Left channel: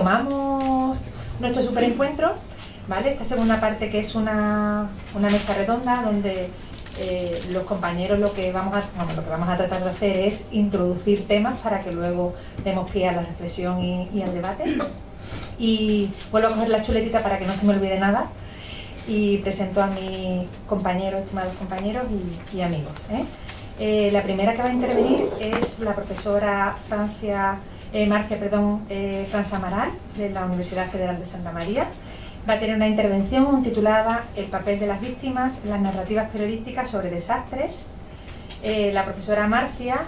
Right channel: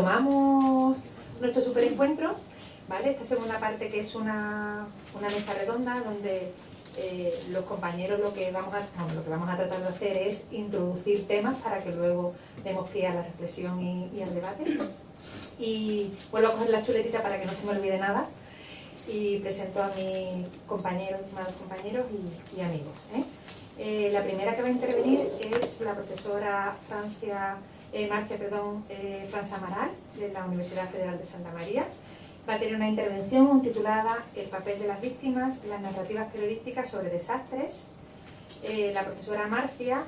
Tomamos nuestro superencuentro, ¿vale? Esta segunda parte, que es una mesa redonda donde los compañeros lo que vamos a tratar de hacer es introducir temas para que luego demos pie a la reflexión y al debate. Y vuelvo a coger la chuletita para que no se me olvide nada y presento a mis compañeros, estimados compañeros y amigos, la primera que va a intervenir es la profesora Marcia Amaral, de la Universidad Federal de Santa María. Va a tener una intervención titulada El papel de las víctimas en las narrativas periodísticas sobre desastres. La profesora Marcia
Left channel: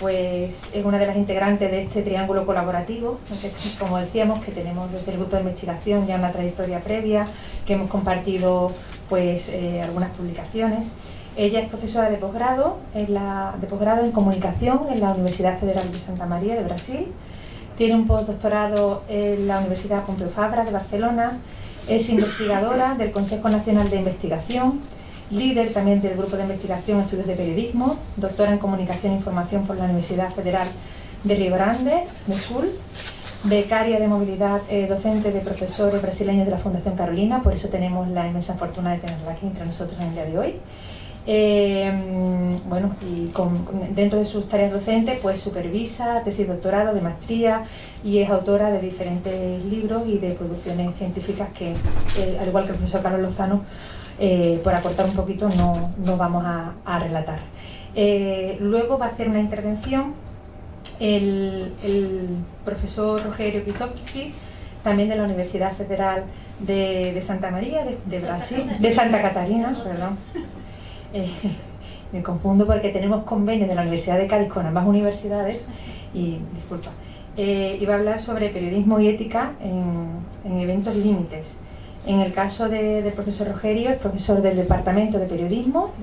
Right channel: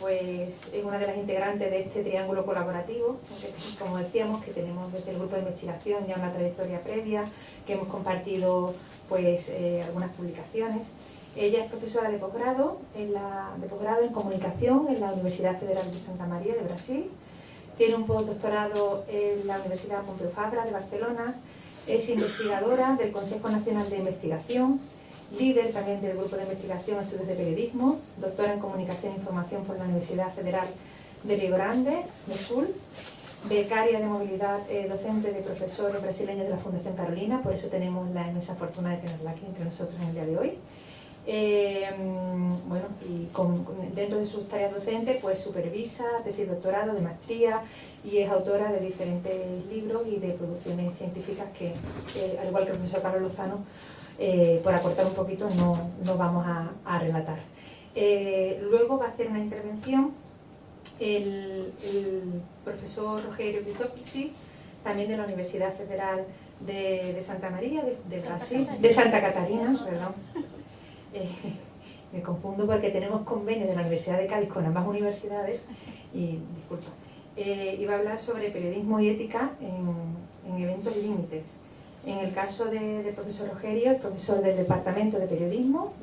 pues, es una de las integrantes de este triángulo colaborativo, que, como decíamos, que tenemos desde el grupo de investigación ya una trayectoria previa, que hemos compartido pues, algunas publicaciones. Ella es profesora de posgrado en comunicación en la Universidad Federal de Santa María de Brasil. Tiene un postdoctorado en la Universidad Pompeu Fabra de Barcelona. Es investigadora del Consejo Nacional de Investigación, líder también del Grupo de Investigación Estudios de Periodismo, doctora en Comunicación e Información por la Universidad Federal de Rio Grande do Sul, becaria de movilidad docente de profesores brasileños de la Fundación Carolina, por eso tenemos la inmensa fortuna de tenerla aquí entre nosotros en el día de hoy. Dentro de sus tareas docentes pues supervisa tesis de doctorado, de maestría, y es autora de diferentes libros y de producciones científicas que, al igual que el profesor Carlos Lozano, por acortar un poquito, no vamos a relatar. Luego va a hacer una intervención el profesor Rogerio Cristófoli, también de la Universidad Federal de Santa María, de Brasil, de Santa Catarina, perdón. Me confundo porque tenemos convenios de la Universidad de Cádiz con ambas universidades y va a hablar sobre periodismo y ética en eventos límites. En el caso del profesor Rogerio, es profesor del Departamento de Periodismo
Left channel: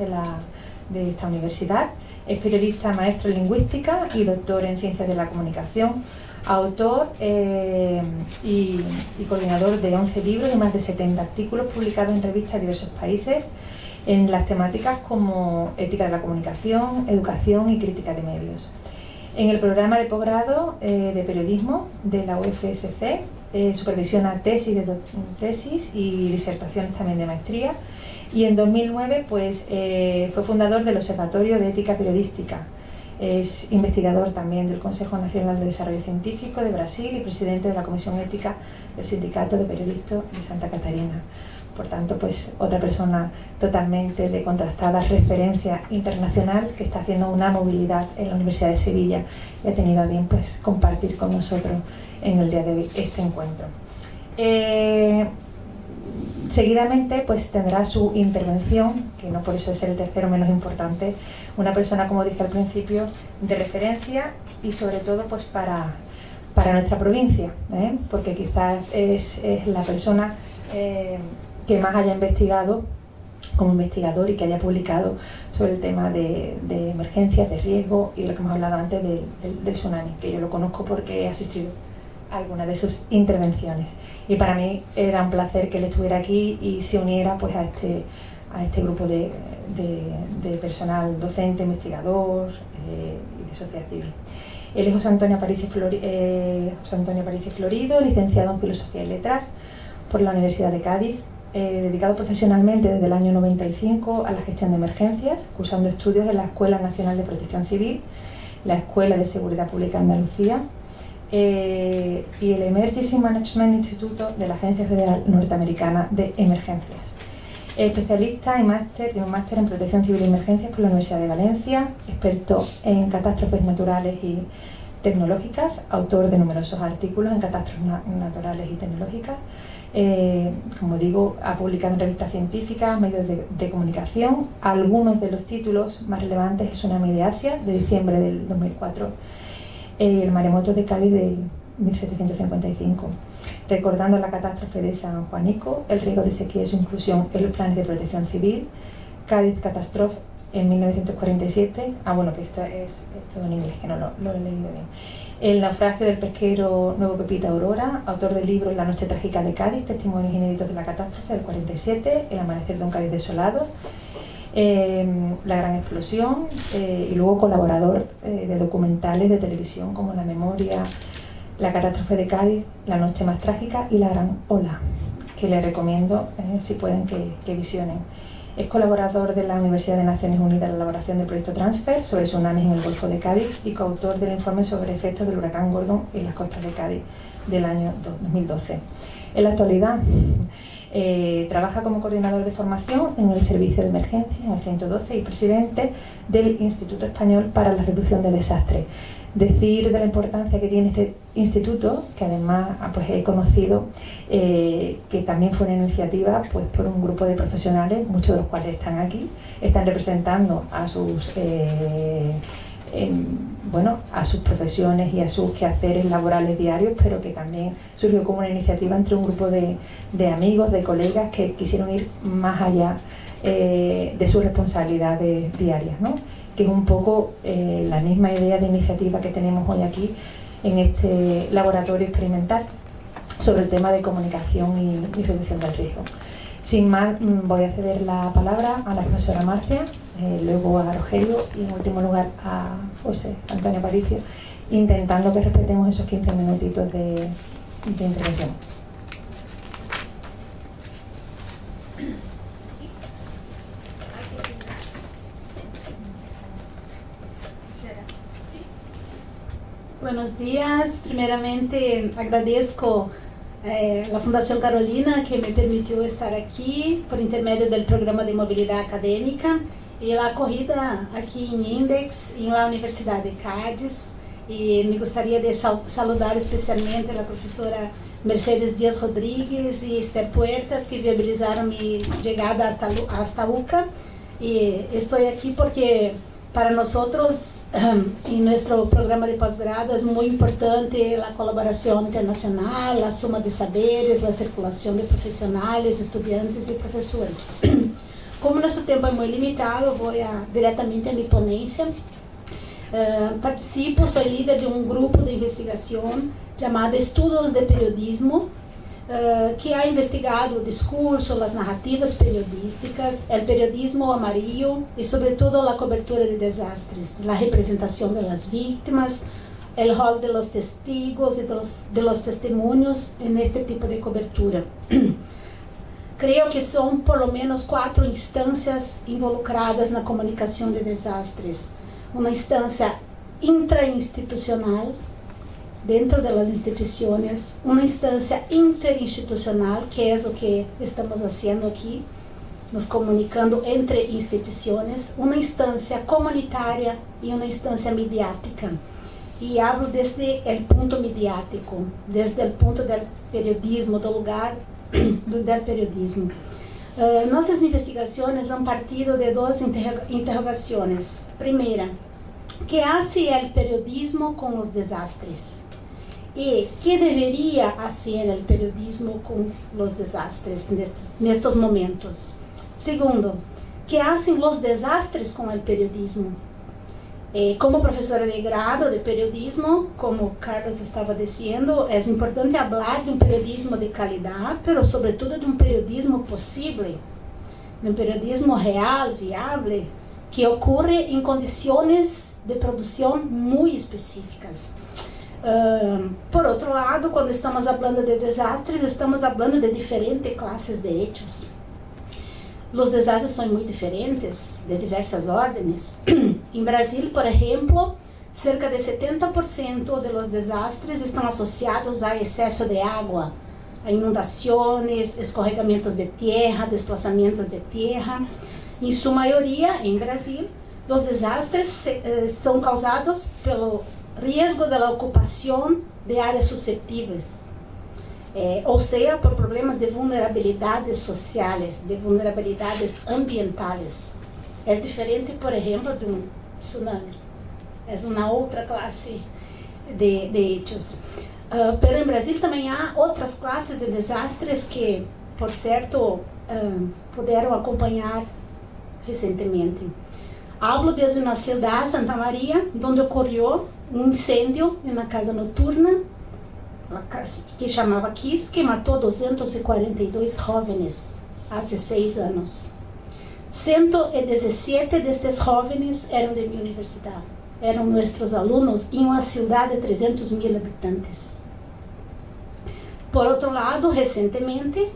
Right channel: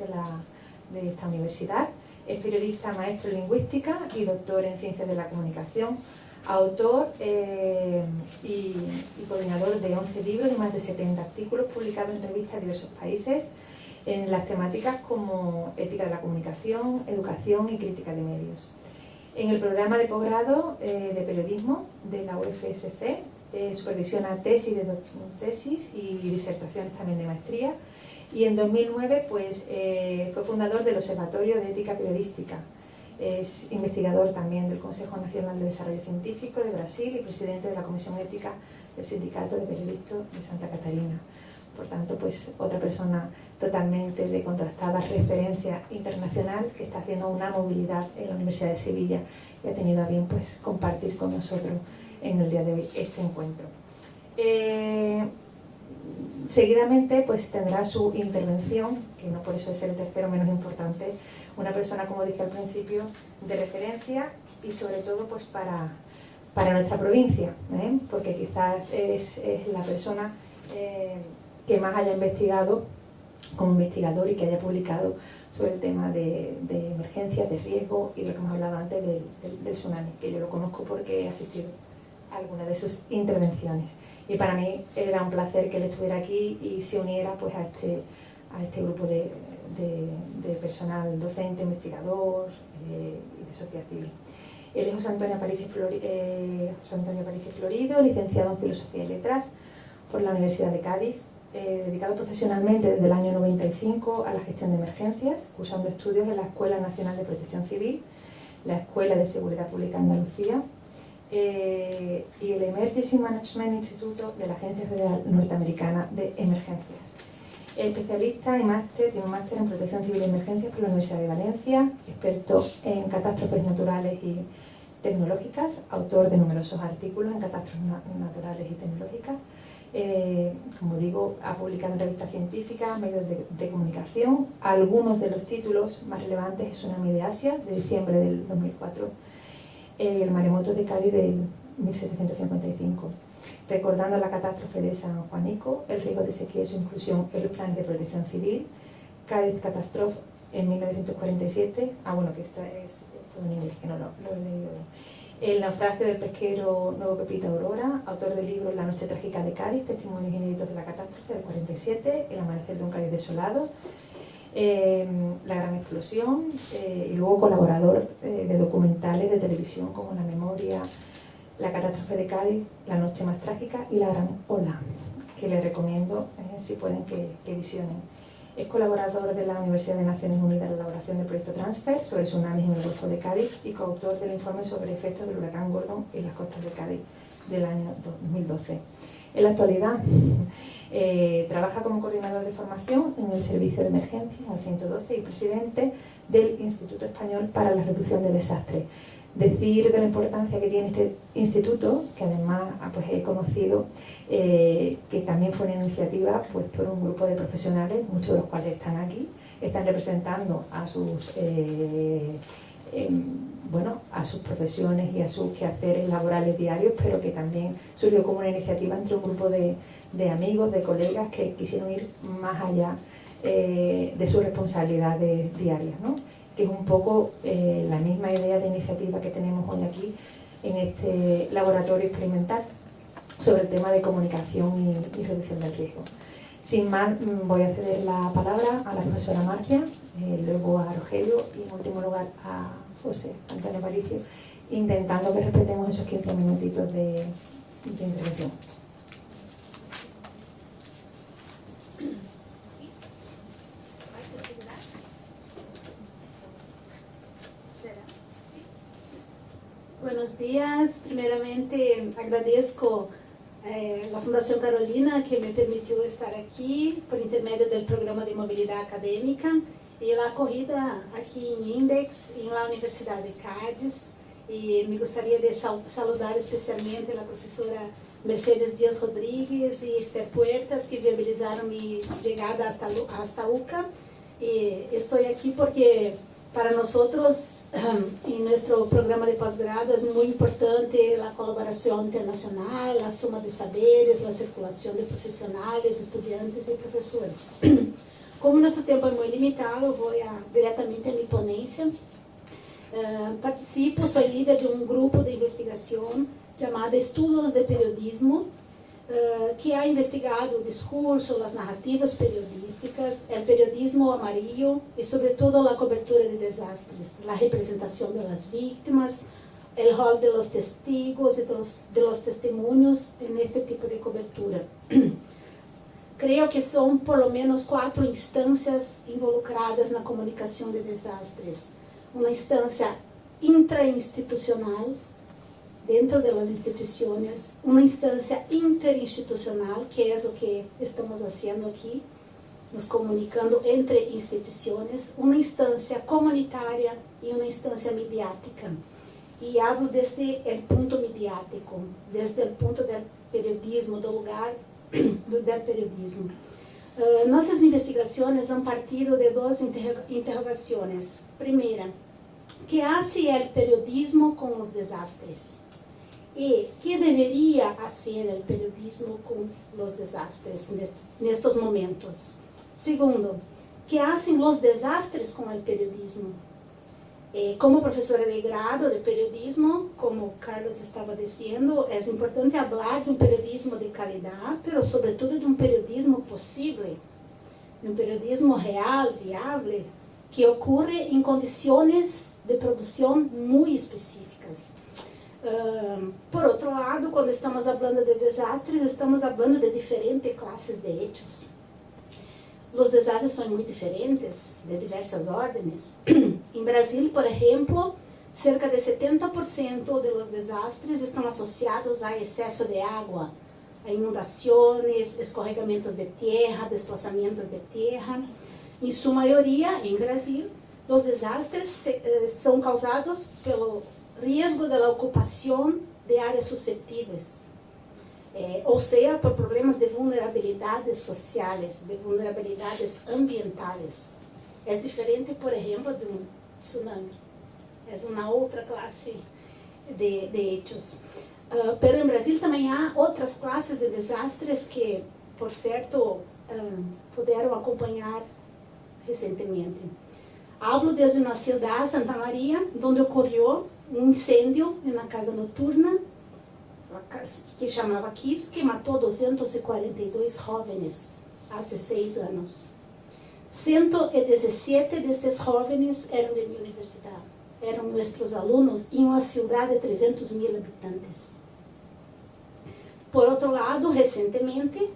de esta universidad, es periodista, maestro en lingüística y doctor en ciencias de la comunicación, autor y coordinador de 11 libros y más de 70 artículos publicados en revistas de diversos países, en las temáticas como ética de la comunicación, educación y crítica de medios. En el programa de posgrado de periodismo de la UFSC supervisiona tesis y disertaciones también de maestría, y en 2009 pues, fue fundador del Observatorio de Ética Periodística. Es investigador también del Consejo Nacional de Desarrollo Científico de Brasil y presidente de la Comisión Ética del Sindicato de Periodistas de Santa Catarina. Por tanto, pues otra persona totalmente de contrastada referencia internacional que está haciendo una movilidad en la Universidad de Sevilla y ha tenido a bien pues, compartir con nosotros en el día de hoy este encuentro. Seguidamente pues, tendrá su intervención, que no por eso es el tercero menos importante, una persona, como dije al principio, de referencia y sobre todo pues, para nuestra provincia, porque quizás es la persona que más haya investigado como investigador y que haya publicado sobre el tema de emergencias, de riesgo y lo que hemos hablado antes del tsunami, que yo lo conozco porque he asistido a algunas de sus intervenciones. Y para mí era un placer que él estuviera aquí y se uniera pues, a este grupo de personal docente, investigador y de sociedad civil. Él es José Antonio Aparicio Florido, licenciado en Filosofía y Letras por la Universidad de Cádiz, dedicado profesionalmente desde el año 95 a la gestión de emergencias, cursando estudios en la Escuela Nacional de Protección Civil, la Escuela de Seguridad Pública Andalucía y el Emergency Management Instituto de la Agencia Federal Norteamericana de Emergencias. Especialista y un máster en Protección Civil y Emergencias por la Universidad de Valencia, experto en catástrofes naturales y tecnológicas, autor de numerosos artículos en catástrofes naturales y tecnológicas. Como digo, ha publicado en revistas científicas, medios de comunicación. Algunos de los títulos más relevantes es Tsunami de Asia, de diciembre del 2004, y el maremoto de Cádiz del 1755, recordando la catástrofe de San Juanico, el riesgo de sequía y su inclusión en los planes de protección civil, Cádiz Catastrophe en 1947, que esto es todo en inglés, que no lo he leído bien. El naufragio del pesquero Nuevo Pepita Aurora, autor del libro La noche trágica de Cádiz, testimonios inéditos de la catástrofe del 47, El amanecer de un Cádiz desolado, La gran explosión, y luego colaborador de documentales de televisión como La memoria La catástrofe de Cádiz, La noche más trágica y La gran ola, que les recomiendo, si pueden, que visionen. Es colaborador de la Universidad de Naciones Unidas en la elaboración del proyecto Transfer sobre tsunamis en el Golfo de Cádiz y coautor del informe sobre efectos del huracán Gordon en las costas de Cádiz del año 2012. En la actualidad trabaja como coordinador de formación en el Servicio de Emergencia, en el 112, y presidente del Instituto Español para la Reducción de Desastres. Decir de la importancia que tiene este instituto, que además pues, he conocido que también fue una iniciativa pues, por un grupo de profesionales, muchos de los cuales están aquí, están representando a sus a sus profesiones y a sus quehaceres laborales diarios, pero que también surgió como una iniciativa entre un grupo de amigos, de colegas que quisieron ir más allá de sus responsabilidades diarias, ¿no? Que es un poco la misma idea de iniciativa que tenemos hoy aquí en este laboratorio experimental sobre el tema de comunicación y reducción del riesgo. Sin más, voy a ceder la palabra a la profesora Marcia, luego a Rogelio y en último lugar a José Antonio Aparicio, intentando que respetemos esos 15 minutitos de intervención. Buenos días. Primeramente, agradezco la Fundación Carolina que me permitió estar aquí por intermedio del programa de movilidad académica y la acogida aquí en Index, en la Universidad de Cádiz. Y me gustaría de saludar especialmente a la profesora Mercedes Díaz Rodríguez y Esther Puertas, que viabilizaron mi llegada hasta UCA. Y estoy aquí porque para nosotros, en nuestro programa de posgrado, es muy importante la colaboración internacional, la suma de saberes, la circulación de profesionales, estudiantes y profesores. Como nuestro tiempo es muy limitado, voy directamente a mi ponencia. Participo, soy líder de un grupo de investigación llamado Estudos de Periodismo, que ha investigado o discurso, as narrativas periodísticas, o periodismo amarillo e, sobretudo, a cobertura de desastres, a representação das vítimas, o rol de los testigos e de los testemunhos neste tipo de cobertura. Creio que são, por lo menos, 4 instâncias involucradas na comunicação de desastres. Uma instância intrainstitucional, dentro das instituições, uma instância interinstitucional, que é o que estamos fazendo aqui, nos comunicando entre instituições, uma instância comunitária e uma instância midiática. E hablo desde o ponto midiático, desde o ponto do periodismo, do lugar do periodismo. Nossas investigações han partido de 2 interrogações. Primeira, que hace o periodismo com os desastres? E que deveria fazer o periodismo com os desastres nestes momentos? Segundo, que fazem os desastres com o periodismo? Como professora de grado de periodismo, como Carlos estava dizendo, é importante falar de periodismo de qualidade, mas sobretudo de periodismo possível, de periodismo real, viável, que ocorre em condições de produção muito específicas. Por outro lado, quando estamos falando de desastres, estamos falando de diferentes classes de hechos. Os desastres são muito diferentes, de diversas ordens. Em Brasil, por exemplo, cerca de 70% de los desastres estão associados a excesso de água, a inundações, escorregamentos de terra, desplazamentos de terra. Em sua maioria, em Brasil, os desastres são causados pelo risco da ocupação de áreas suscetíveis. Ou seja, por problemas de vulnerabilidades sociais, de vulnerabilidades ambientais. É diferente, por exemplo, de tsunami. É uma outra classe de hechos. Pero em Brasil também há outras classes de desastres que, por certo, puderam acompanhar recentemente. Hablo desde uma cidade, Santa Maria, onde ocorreu incêndio em uma casa noturna que chamava Kiss, que matou 242 jóvenes há 6 anos. 117 destes jóvenes eram de minha universidade, eram nossos alunos em uma cidade de 300.000 habitantes. Por outro lado, recentemente,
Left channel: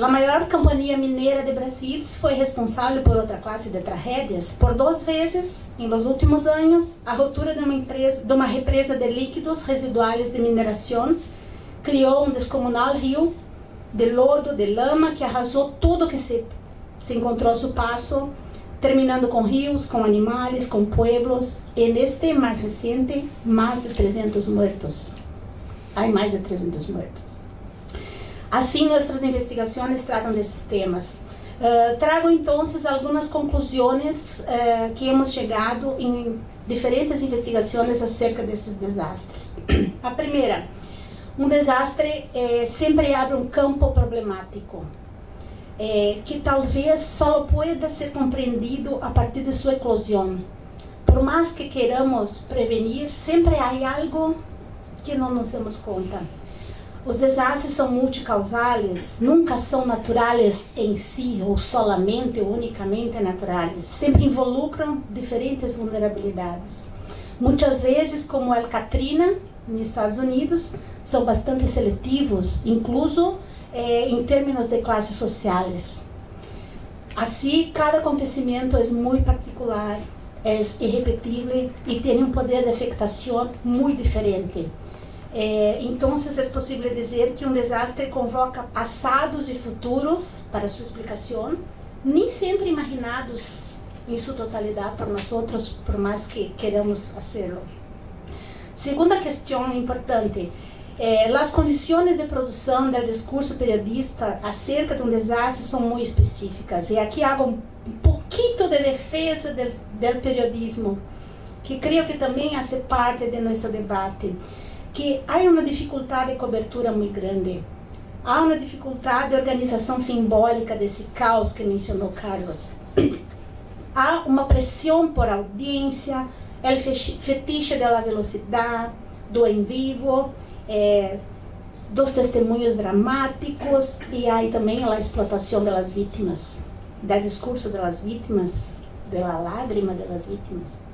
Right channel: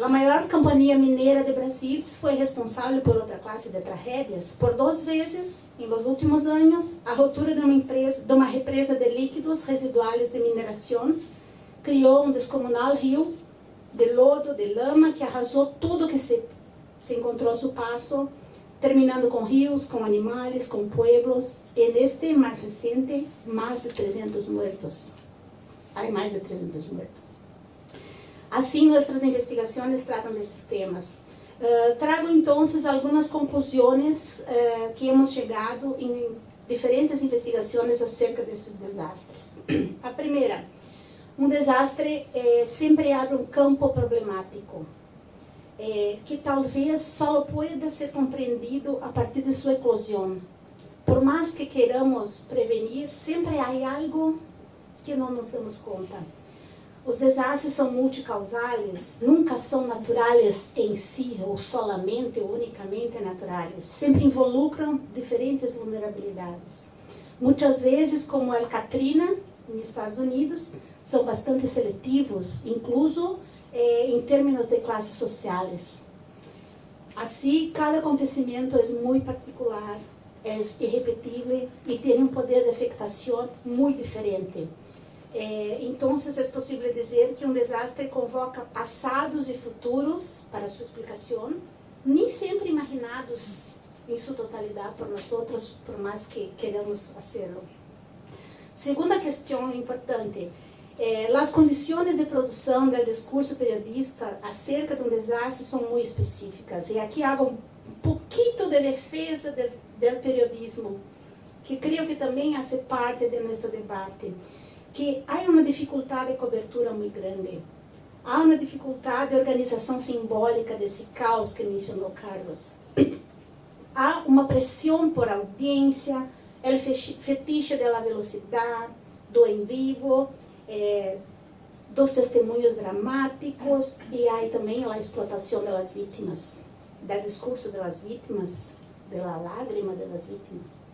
a maior companhia mineira de Brasil foi responsável por outra classe de tragédias. Por 2 vezes, nos últimos anos, a ruptura de uma represa de líquidos residuais de mineração criou um descomunal rio de lodo, de lama, que arrasou tudo que se encontrou a seu passo, terminando com rios, com animais, com pueblos. E neste mais recente, mais de 300 mortos. Há mais de 300 mortos. Assim, nossas investigações tratam desses temas. Trago, então, algumas conclusões que hemos chegado em diferentes investigações acerca desses desastres. A primeira, um desastre sempre abre um campo problemático, que talvez só pode ser compreendido a partir de sua eclosão. Por mais que queiramos prevenir, sempre há algo que não nos damos conta. Os desastres são multicausais, nunca são naturais em si, ou solamente ou unicamente naturais. Sempre involucram diferentes vulnerabilidades. Muitas vezes, como El Katrina, nos Estados Unidos, são bastante seletivos, incluso em termos de classes sociais. Assim, cada acontecimento é muito particular, é irrepetível e tem um poder de afetação muito diferente. Então, é possível dizer que um desastre convoca passados e futuros para sua explicação, nem sempre imaginados em sua totalidade por nós outros, por mais que queiramos fazê-lo. Segunda questão importante, as condições de produção do discurso periodista acerca de um desastre são muito específicas. E aqui hago um pouquinho de defesa do periodismo, que creio que também faz parte de nosso debate. Que há uma dificuldade de cobertura muito grande. Há uma dificuldade de organização simbólica desse caos que mencionou Carlos. Há uma pressão por audiência, o fetiche da velocidade, do em vivo, dos testemunhos dramáticos, e há também a explotação das vítimas, do discurso das vítimas, da lágrima das vítimas.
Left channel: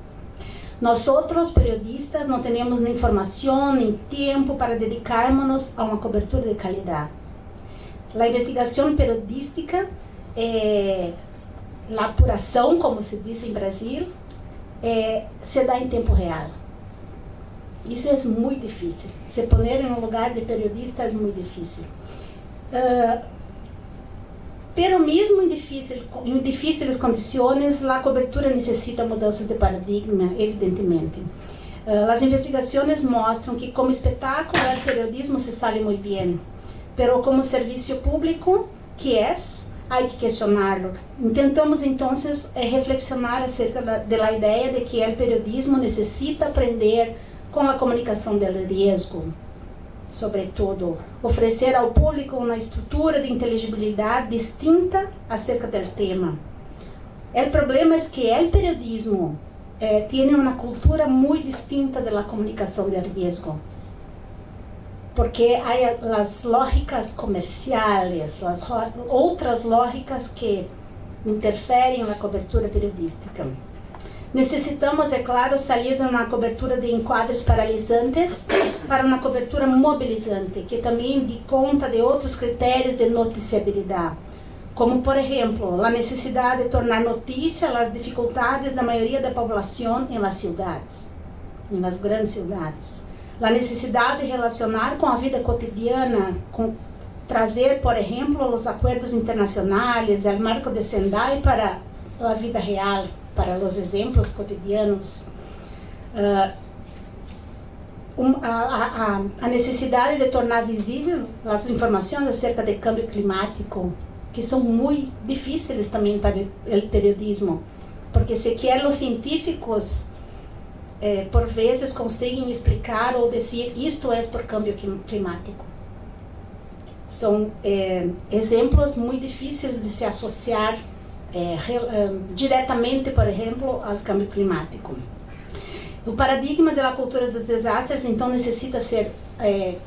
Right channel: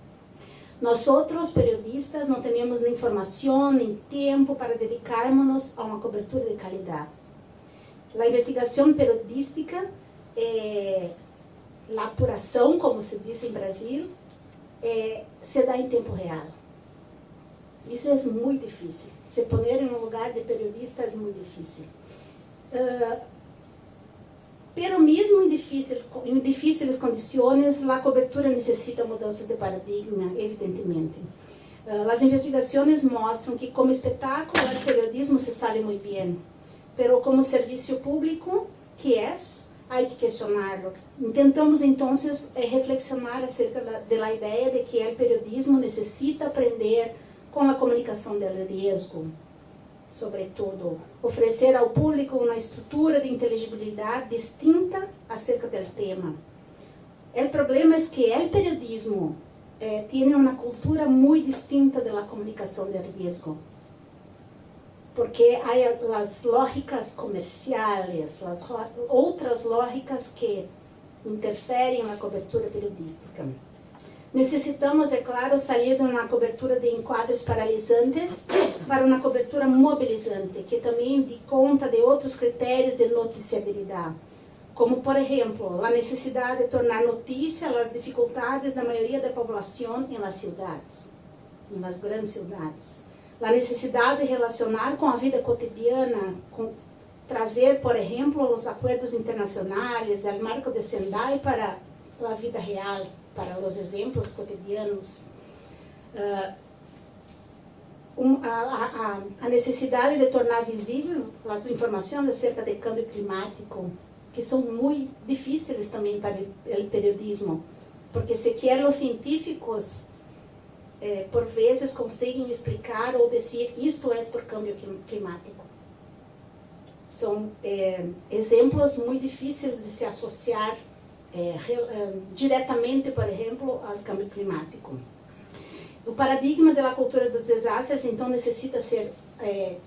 Nós outros periodistas não temos nem informação nem tempo para dedicarmos-nos a uma cobertura de qualidade. A investigação periodística, a apuração, como se diz em Brasil, se dá em tempo real. Isso é muito difícil. Se poner em um lugar de periodista é muito difícil. Pero mesmo em difíceis condições, a cobertura necessita mudanças de paradigma, evidentemente. As investigações mostram que como espetáculo o periodismo se sale muito bem, pero como serviço público, que é, há que questioná-lo. Tentamos então reflexionar acerca da ideia de que o periodismo necessita aprender com a comunicação do risco. Sobretudo, oferecer ao público uma estrutura de inteligibilidade distinta acerca do tema. O problema é que o periodismo tem uma cultura muito distinta da comunicação de risco, porque há as lógicas comerciais, as outras lógicas que interferem na cobertura periodística. Necessitamos, é claro, sair de uma cobertura de enquadros paralisantes para uma cobertura mobilizante, que também dê conta de outros critérios de noticiabilidade, como, por exemplo, a necessidade de tornar notícia as dificuldades da maioria da população em las cidades, em las grandes cidades, a necessidade de relacionar com a vida cotidiana, trazer, por exemplo, os acordos internacionais, o marco de Sendai para a vida real, para os exemplos cotidianos, a necessidade de tornar visível as informações acerca do câmbio climático, que são muito difíceis também para o periodismo, porque sequer os científicos, por vezes, conseguem explicar ou dizer isto é por câmbio climático. São exemplos muito difíceis de se associar diretamente, por exemplo, ao câmbio climático. O paradigma da cultura dos desastres, então, necessita ser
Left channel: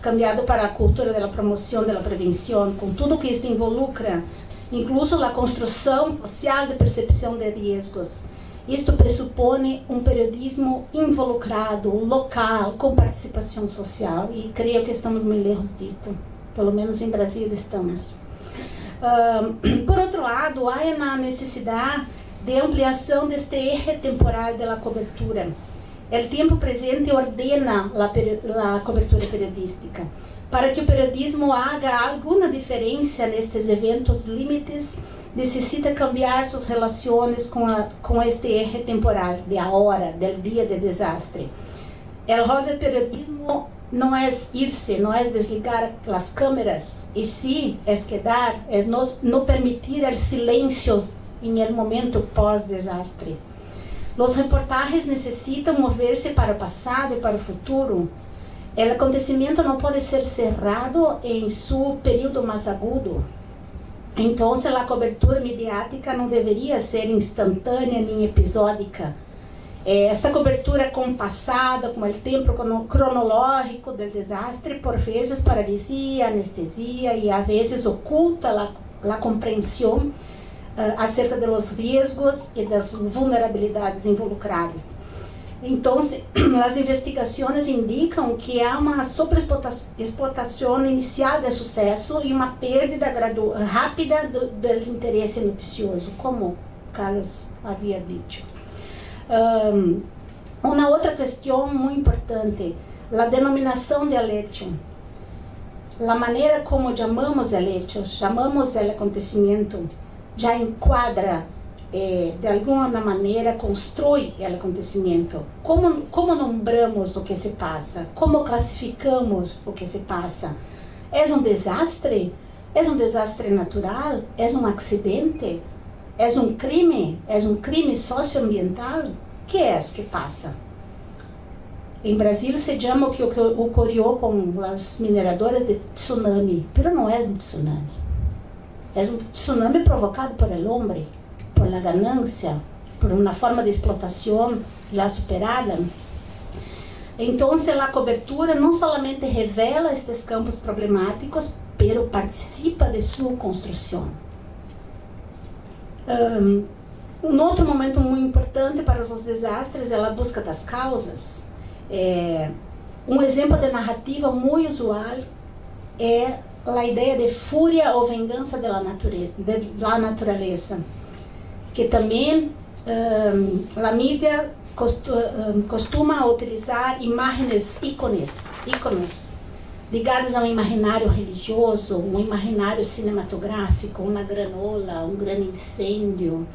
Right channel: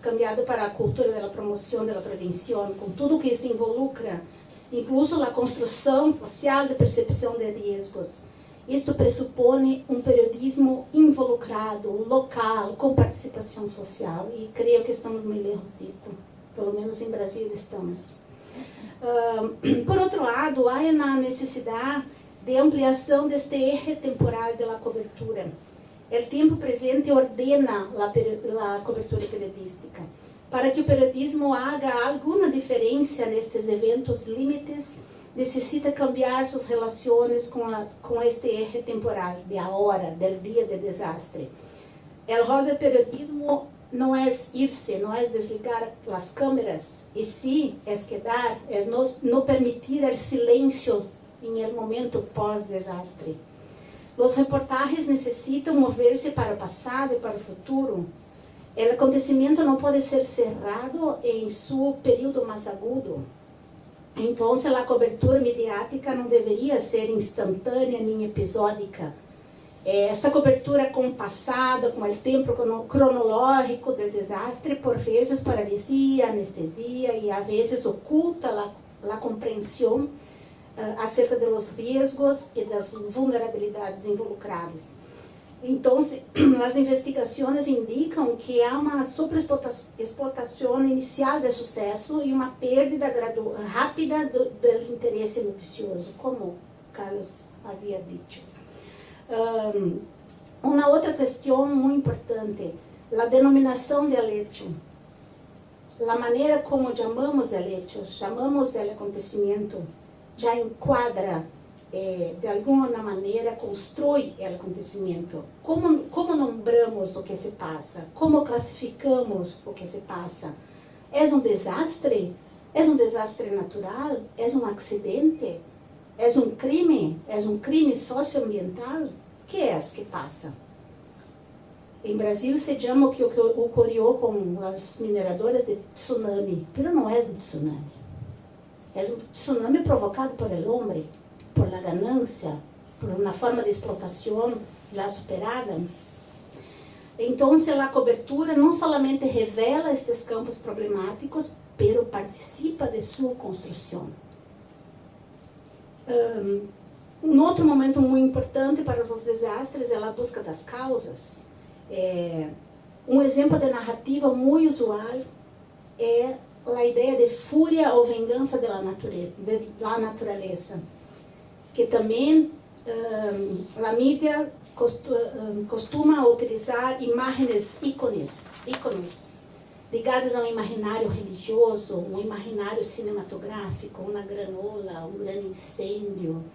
cambiado para a cultura da promoção, da prevenção, com tudo que isto involucra, incluso a construção social de percepção de riscos. Isto pressupõe um periodismo involucrado, local, com participação social, e creio que estamos muito lejos disto. pelo menos em Brasil estamos. Por outro lado, há a necessidade de ampliação deste eje temporal da cobertura. O tempo presente ordena a cobertura periodística. Para que o periodismo haga alguma diferença nestes eventos limites, necessita cambiar suas relações com este eje temporal, de a hora, do dia de desastre. O rol do periodismo não é irse, não é desligar as câmeras, e sim é quedar, é não permitir o silêncio em el momento pós-desastre. Os reportagens necessitam mover-se para o passado e para o futuro. O acontecimento não pode ser cerrado em seu período mais agudo. Então, a cobertura mediática não deveria ser instantânea nem episódica. Esta cobertura compassada, com o tempo cronológico do desastre, por vezes paralisia, anestesia e, a vezes, oculta a compreensão acerca dos riscos e das vulnerabilidades involucradas. Então, as investigações indicam que há uma sobreexplotação inicial de sucesso e uma perda rápida do interesse noticioso, como Carlos havia dito. Uma outra questão muito importante, a denominação de hecho. A maneira como chamamos o hecho, chamamos o acontecimento, já enquadra, de alguma maneira, constrói o acontecimento. Como nombramos o que se passa? Como classificamos o que se passa? É desastre? É desastre natural? É acidente? É crime? É crime socioambiental? O que é que passa? Em Brasil se chama o que ocorreu com as mineradoras de tsunami, mas não é tsunami. É tsunami provocado por el hombre, por la ganância, por uma forma de explotação já superada. Então, a cobertura não somente revela estes campos problemáticos, pero participa de sua construção. Outro momento muito importante para os desastres é a busca das causas. Exemplo de narrativa muito usual é a ideia de fúria ou vingança da natureza, que também a mídia costuma utilizar imagens, íconos ligados a um imaginário religioso, um imaginário cinematográfico, uma granola, um grande incêndio.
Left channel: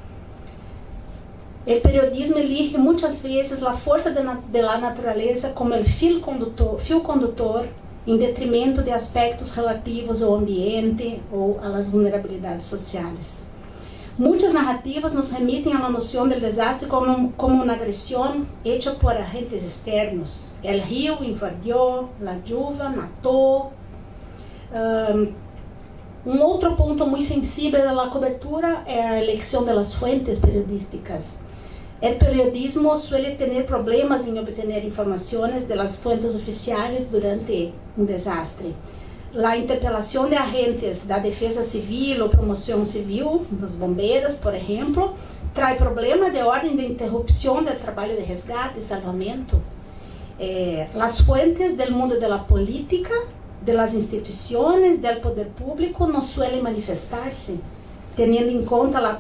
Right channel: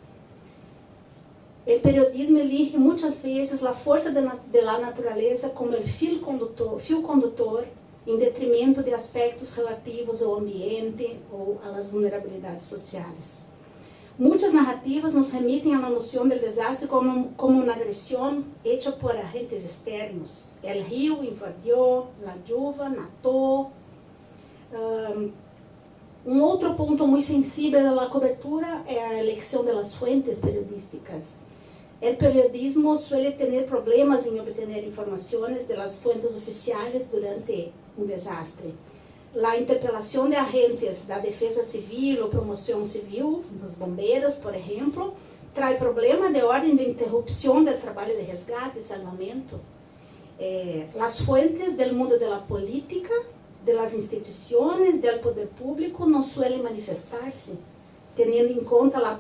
O periodismo elige muitas vezes a força da natureza como o fio condutor em detrimento de aspectos relativos ao ambiente ou às vulnerabilidades sociais. Muitas narrativas nos remitem à noção do desastre como uma agressão hecha por agentes externos. O rio invadiu, a chuva matou. Outro ponto muito sensível da cobertura é a eleição das fontes periodísticas. O periodismo suele ter problemas em obter informações das fontes oficiais durante um desastre. A interpelação de agentes da defesa civil ou promoção civil, dos bombeiros, por exemplo, traz problema de ordem de interrupção do trabalho de resgate e salvamento. As fontes do mundo da política, das instituições, do poder público não suelen manifestar-se, tendo em conta a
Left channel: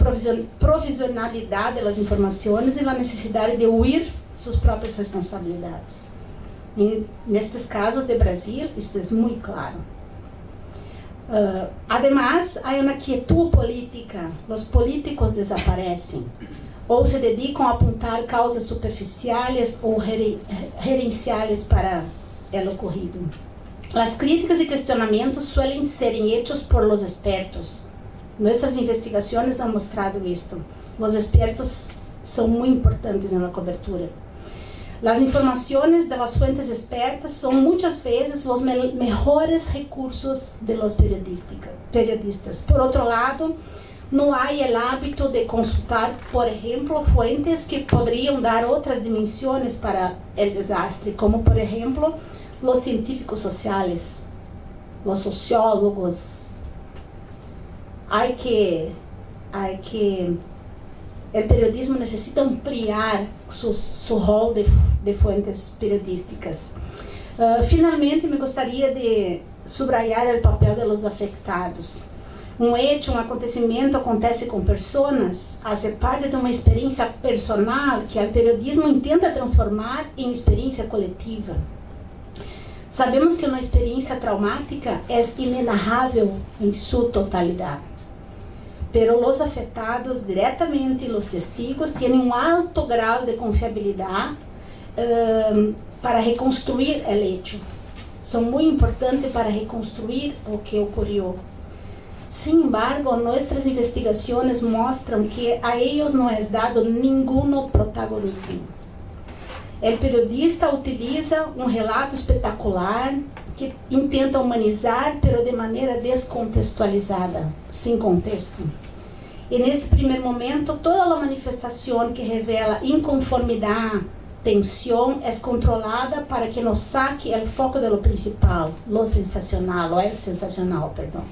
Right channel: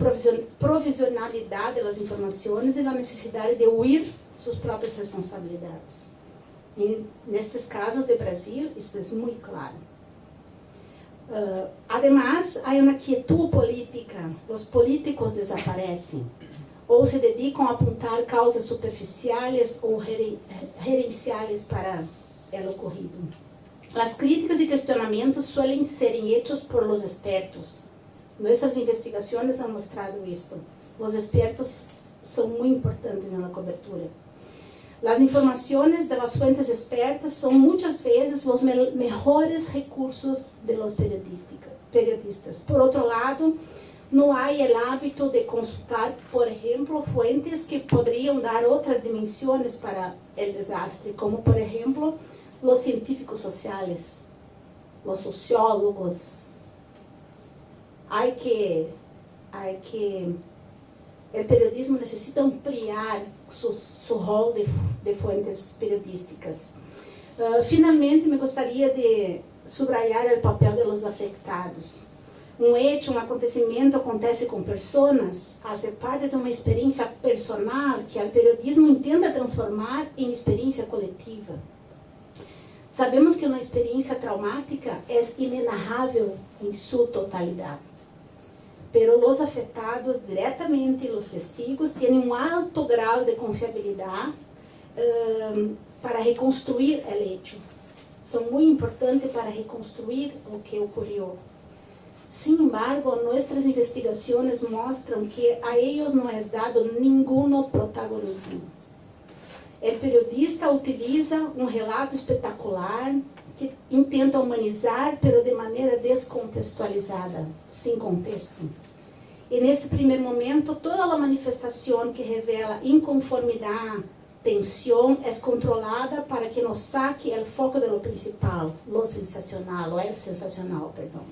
provisionalidade das informações e a necessidade de huir suas próprias responsabilidades. E, nestes casos de Brasil, isso é muito claro. Además, há uma quietude política. Os políticos desaparecem ou se dedicam a apontar causas superficiais ou gerenciais para o ocorrido. As críticas e questionamentos suelen serem hechos por los expertos. Nossas investigações han mostrado isto. Os expertos são muito importantes na cobertura. As informações das fontes expertas são muitas vezes os melhores recursos de los periodistas. Por outro lado, não há o hábito de consultar, por exemplo, fontes que poderiam dar outras dimensões para o desastre, como, por exemplo, os científicos sociais, os sociólogos. O periodismo necessita ampliar seu rol de fontes periodísticas. Finalmente, me gostaria de subrayar o papel dos afetados. Um hecho, um acontecimento acontece com pessoas, faz parte de uma experiência personal que o periodismo intenta transformar em experiência coletiva. Sabemos que uma experiência traumática é inenarrável em sua totalidade. Pero os afetados diretamente e os testigos têm um alto grau de confiabilidade para reconstruir o hecho. São muito importantes para reconstruir o que ocorreu. Sin embargo, nossas investigações mostram que a eles não é dado nenhum protagonismo. O periodista utiliza um relato espetacular que intenta humanizar, pero de maneira descontextualizada, sem contexto. E nesse primeiro momento, toda a manifestação que revela inconformidade, tensão, é controlada para que nos saque o foco do principal, o sensacional, perdão.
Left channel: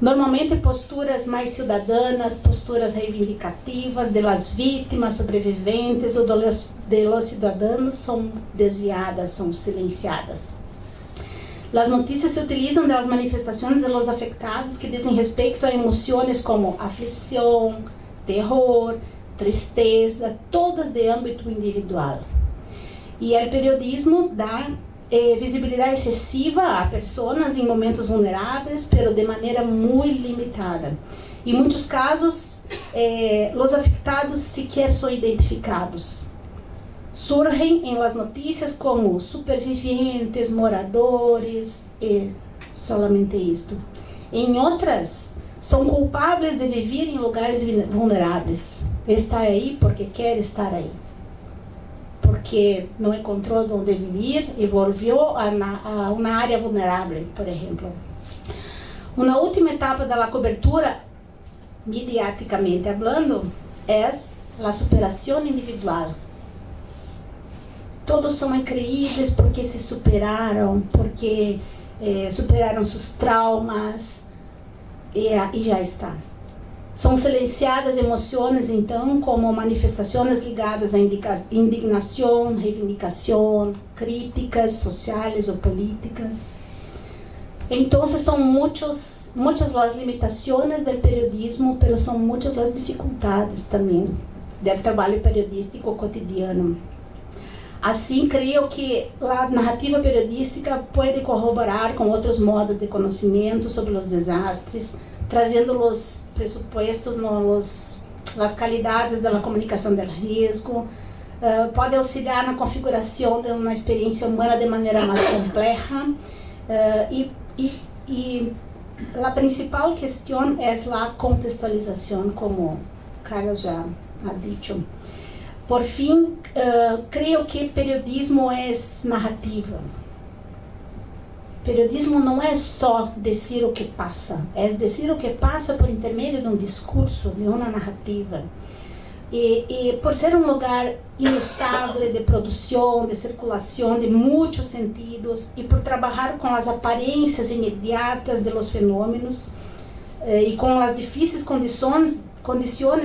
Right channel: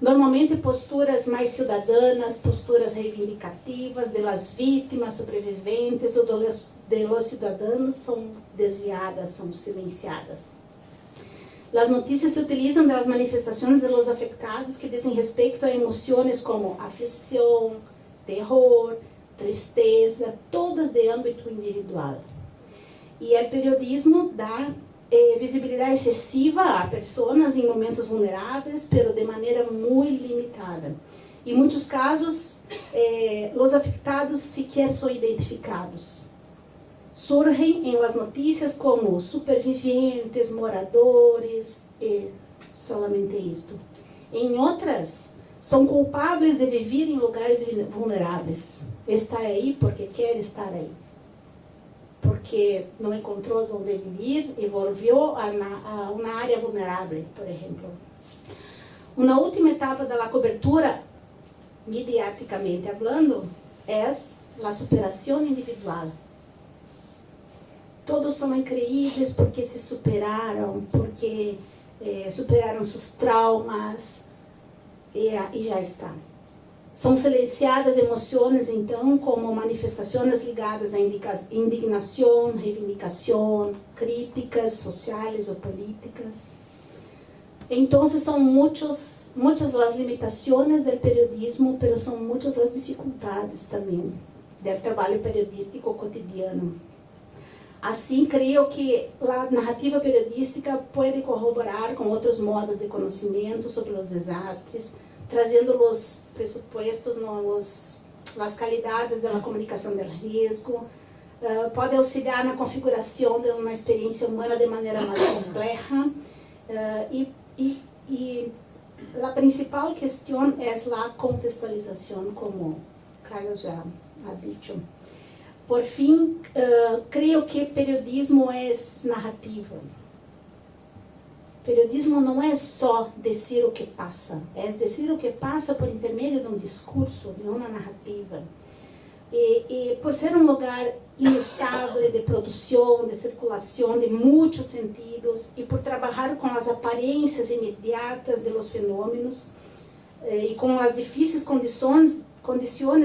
Normalmente posturas mais ciudadanas, posturas reivindicativas de las vítimas, sobreviventes ou de los cidadãos são desviadas, são silenciadas. As notícias se utilizam das manifestações de los afectados que dizem respeito a emoções como aflição, terror, tristeza, todas de âmbito individual. E o periodismo dá visibilidade excessiva a pessoas em momentos vulneráveis, pero de maneira muito limitada. Em muitos casos, os afetados sequer são identificados. Surgem em las notícias como superviventes, moradores, e solamente isto. Em outras, são culpados de viver em lugares vulneráveis. Está aí porque quer estar aí. Porque não encontrou onde viver e volviu a uma área vulnerável, por exemplo. Uma última etapa da cobertura, mediaticamente hablando, é a superação individual. Todos são incríveis porque se superaram, porque superaram seus traumas e já está. São silenciadas emoções, então, como manifestações ligadas à indignação, reivindicação, críticas sociais ou políticas. Então, são muitas as limitações do periodismo, mas são muitas as dificuldades também do trabalho periodístico cotidiano. Assim, creio que a narrativa periodística pode corroborar com outros modos de conhecimento sobre os desastres, trazendo os pressupostos, as qualidades da comunicação do risco, pode auxiliar na configuração de uma experiência humana de maneira mais complexa, e a principal questão é a contextualização, como Carlos já ha dicho. Por fim, creio que periodismo é narrativa. Periodismo não é só dizer o que passa, é dizer o que passa por intermédio de um discurso, de uma narrativa. E por ser um lugar inestável de produção, de circulação, de muitos sentidos, e por trabalhar com as aparências imediatas de los fenômenos, e com as difíceis condições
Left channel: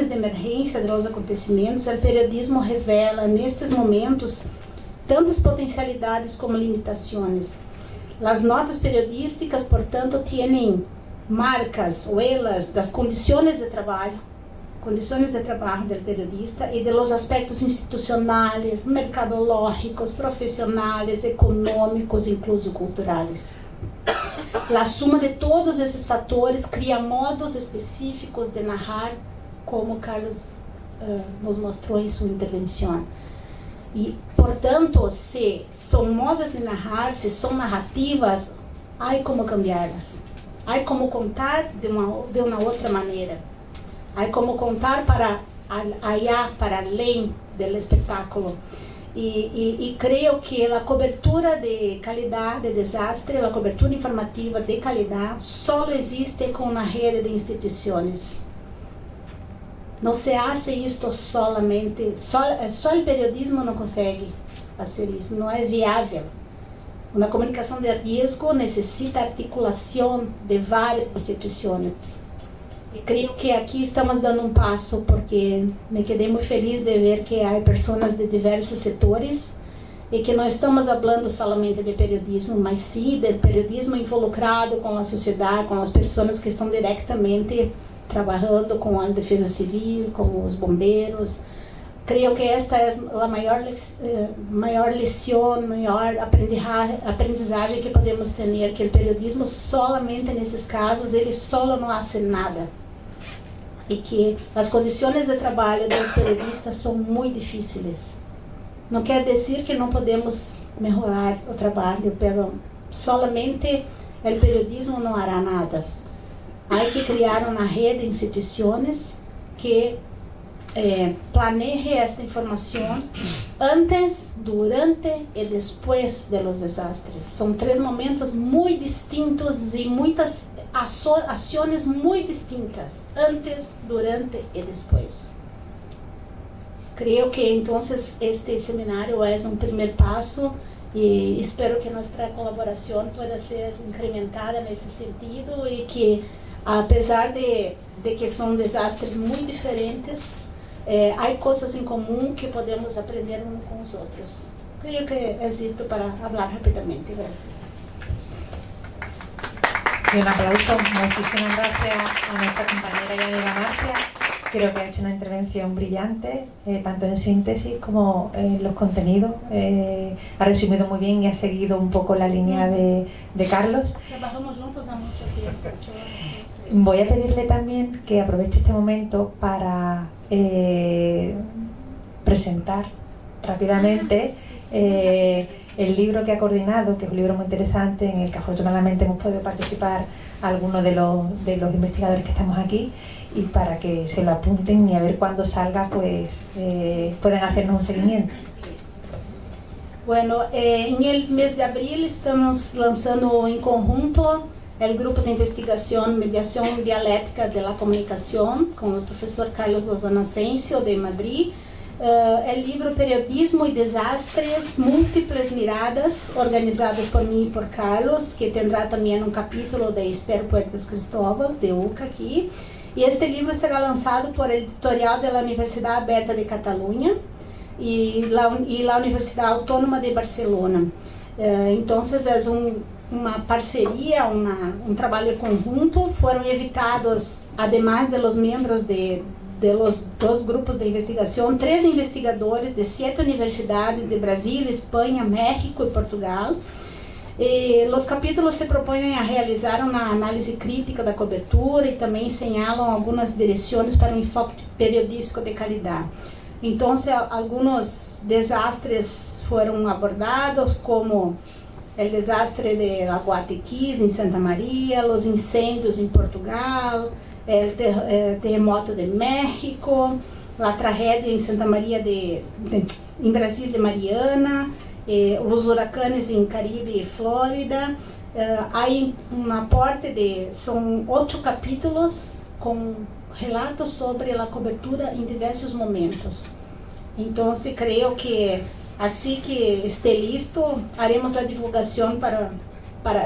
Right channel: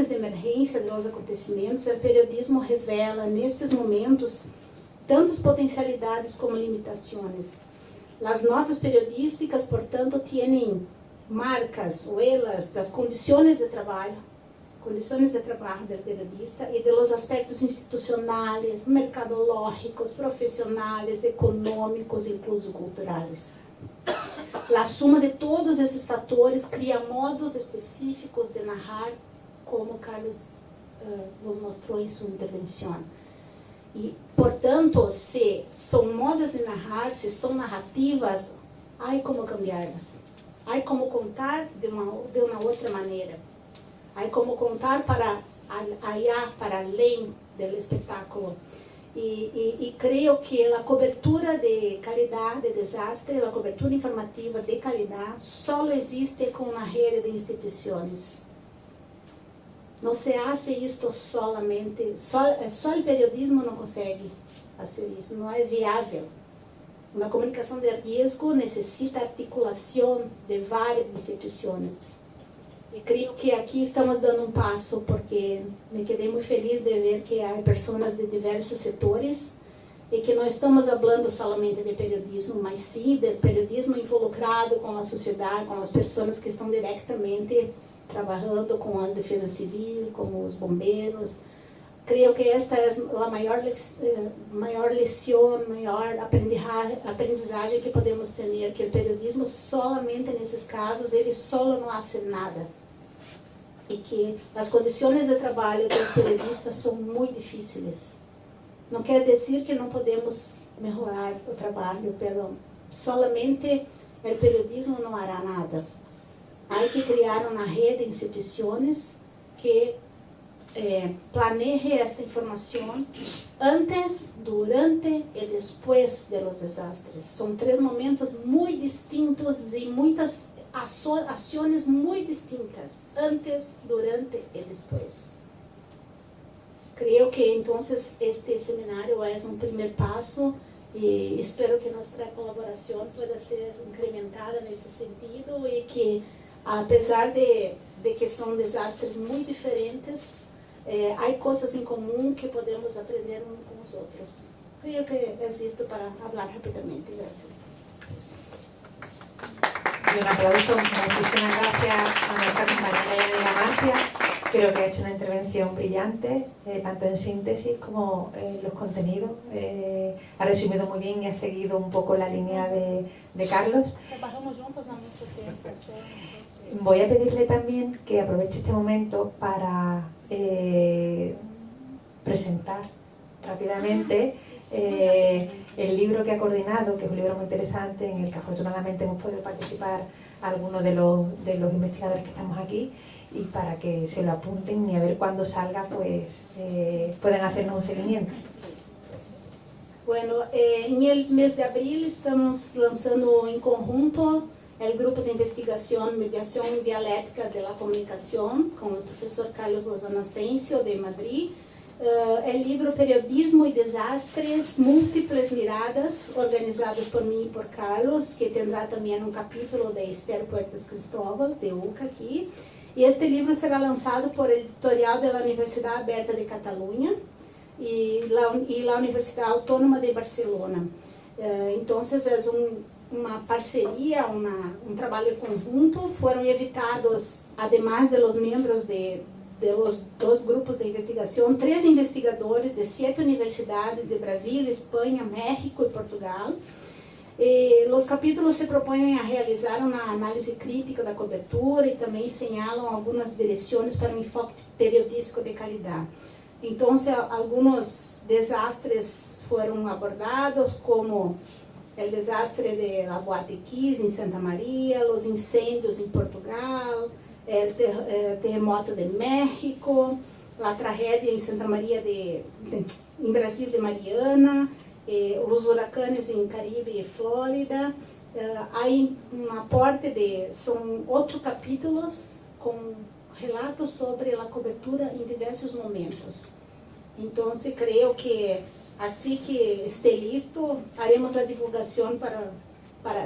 de emergência de los acontecimentos, o periodismo revela, nestes momentos, tantas potencialidades como limitações. As notas periodísticas, portanto, têm marcas, huellas das condições de trabalho do periodista e de los aspectos institucionais, mercadológicos, profissionais, econômicos, incluso culturais. A suma de todos esses fatores cria modos específicos de narrar, como Carlos nos mostrou em sua intervenção. E, portanto, se são modos de narrar, se são narrativas, há como cambiá-las. Há como contar de uma outra maneira. Há como contar para além do espetáculo. E creio que a cobertura de qualidade de desastre, a cobertura informativa de qualidade, só existe com uma rede de instituições. Não se hace isto solamente, só o periodismo não consegue fazer isso, não é viável. Uma comunicação de risco necessita articulação de várias instituições. E creio que aqui estamos dando um passo, porque me quedei muito feliz de ver que há pessoas de diversos setores e que não estamos falando somente de periodismo, mas sim de periodismo involucrado com a sociedade, com as pessoas que estão diretamente trabalhando com a defesa civil, com os bombeiros. Creio que esta é a maior lição, maior aprendizagem que podemos ter, que o periodismo solamente nesses casos, ele solo não faz nada. E que as condições de trabalho dos periodistas são muito difíceis. Não quer dizer que não podemos melhorar o trabalho, mas solamente o periodismo não hará nada. Há que criar uma rede de instituições que planeje esta informação antes, durante e depois de los desastres. São 3 momentos muito distintos e muitas ações muito distintas, antes, durante e depois. Creio que então este seminário é um primeiro passo e espero que nossa colaboração pueda ser incrementada nesse sentido e que, apesar de que são desastres muito diferentes, há coisas em comum que podemos aprender uns com os outros. Creio que é isto para falar rapidamente. Gracias. Y un aplauso, muchísimas gracias a nuestra compañera Elena Marcia. Creo que ha hecho una intervención brillante, tanto en síntesis como en los contenidos. Ha resumido muy bien y ha seguido un poco la línea de Carlos. Trabajamos juntos há muito tempo. Voy a pedirle también que aproveche este momento para presentar rápidamente el libro que ha coordinado, que es un libro muy interesante en el que afortunadamente hemos podido participar algunos de los investigadores que estamos aquí, y para que se lo apunten y a ver cuándo salga pues puedan hacernos un seguimiento. Bueno, en el mes de abril estamos lanzando en conjunto el grupo de investigación Mediación Dialéctica de la Comunicación con el profesor Carlos Lozano Asensio de Madrid. El libro Periodismo y Desastres, Múltiples Miradas, organizados por mí y por Carlos, que tendrá también un capítulo de Esther Puertas Cristóbal, de UCA aquí. Y este libro será lanzado por el editorial de la Universidad Abierta de Cataluña y la Universidad Autónoma de Barcelona. Entonces es uma parceria, um trabalho conjunto. Foram invitados, además de los membros de los 2 grupos de investigação, 3 investigadores de 7 universidades de Brasil, Espanha, México e Portugal. E os capítulos se propõem a realizar uma análise crítica da cobertura e também señalam algumas direções para um enfoque periodístico de qualidade. Então, alguns desastres foram abordados, como o desastre de La Guatequís, em Santa Maria, os incêndios em Portugal, o terremoto de México, a tragédia em Santa Maria em Brasil de Mariana, os huracanes em Caribe e Flórida. Há um aporte são 8 capítulos com relatos sobre a cobertura em diversos momentos. Então, creio que assim que esteja listo, haremos a divulgação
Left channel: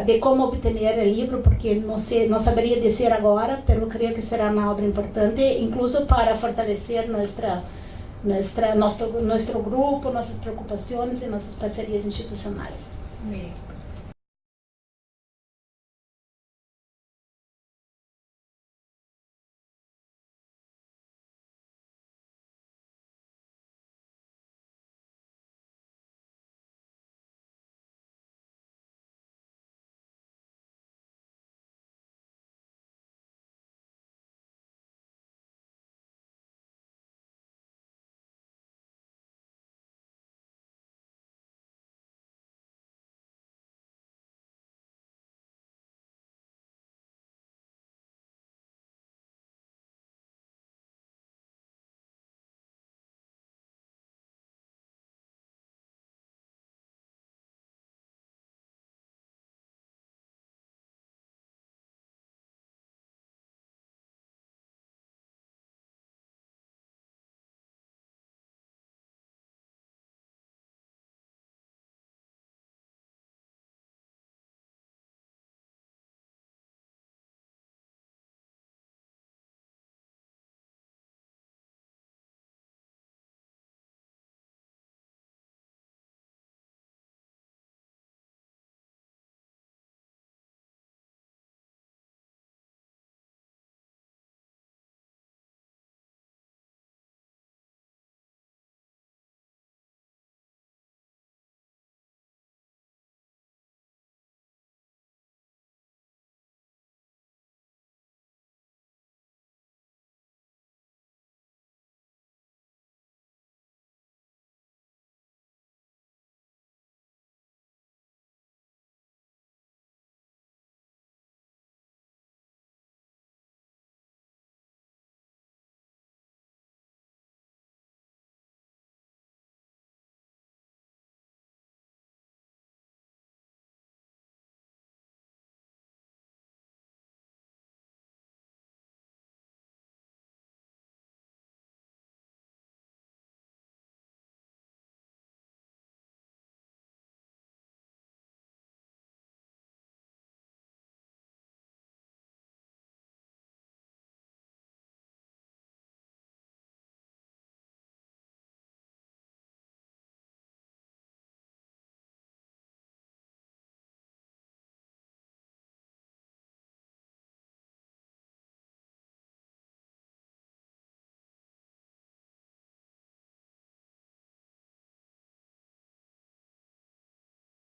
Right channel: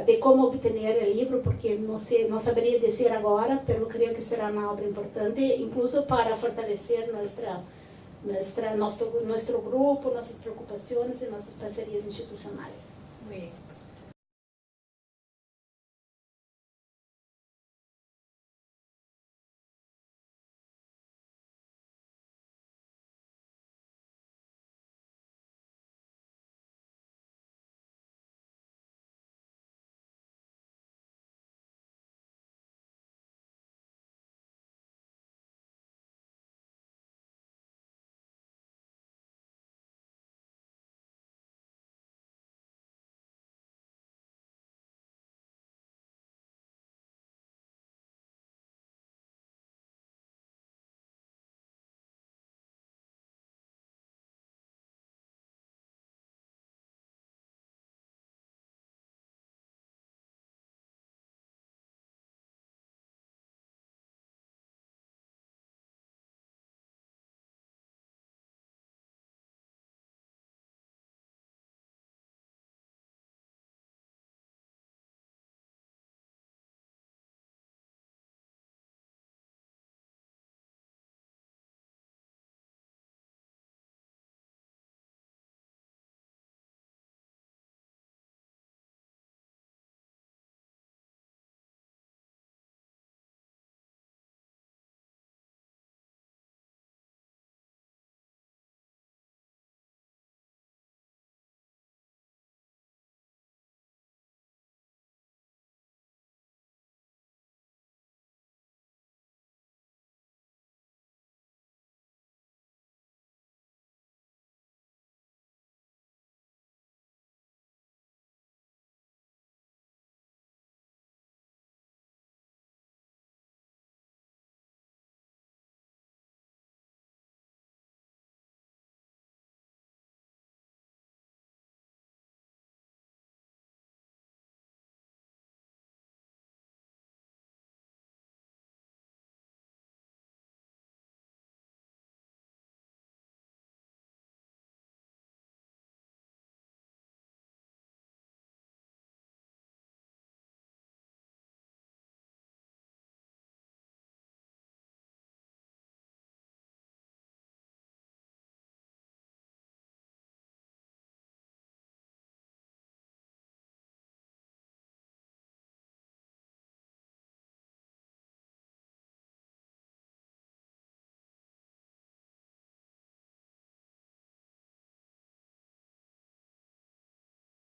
de como obter o livro, porque não saberia dizer agora, mas creio que será uma obra importante, incluso para fortalecer nosso grupo, nossas preocupações e nossas parcerias institucionais. Bien.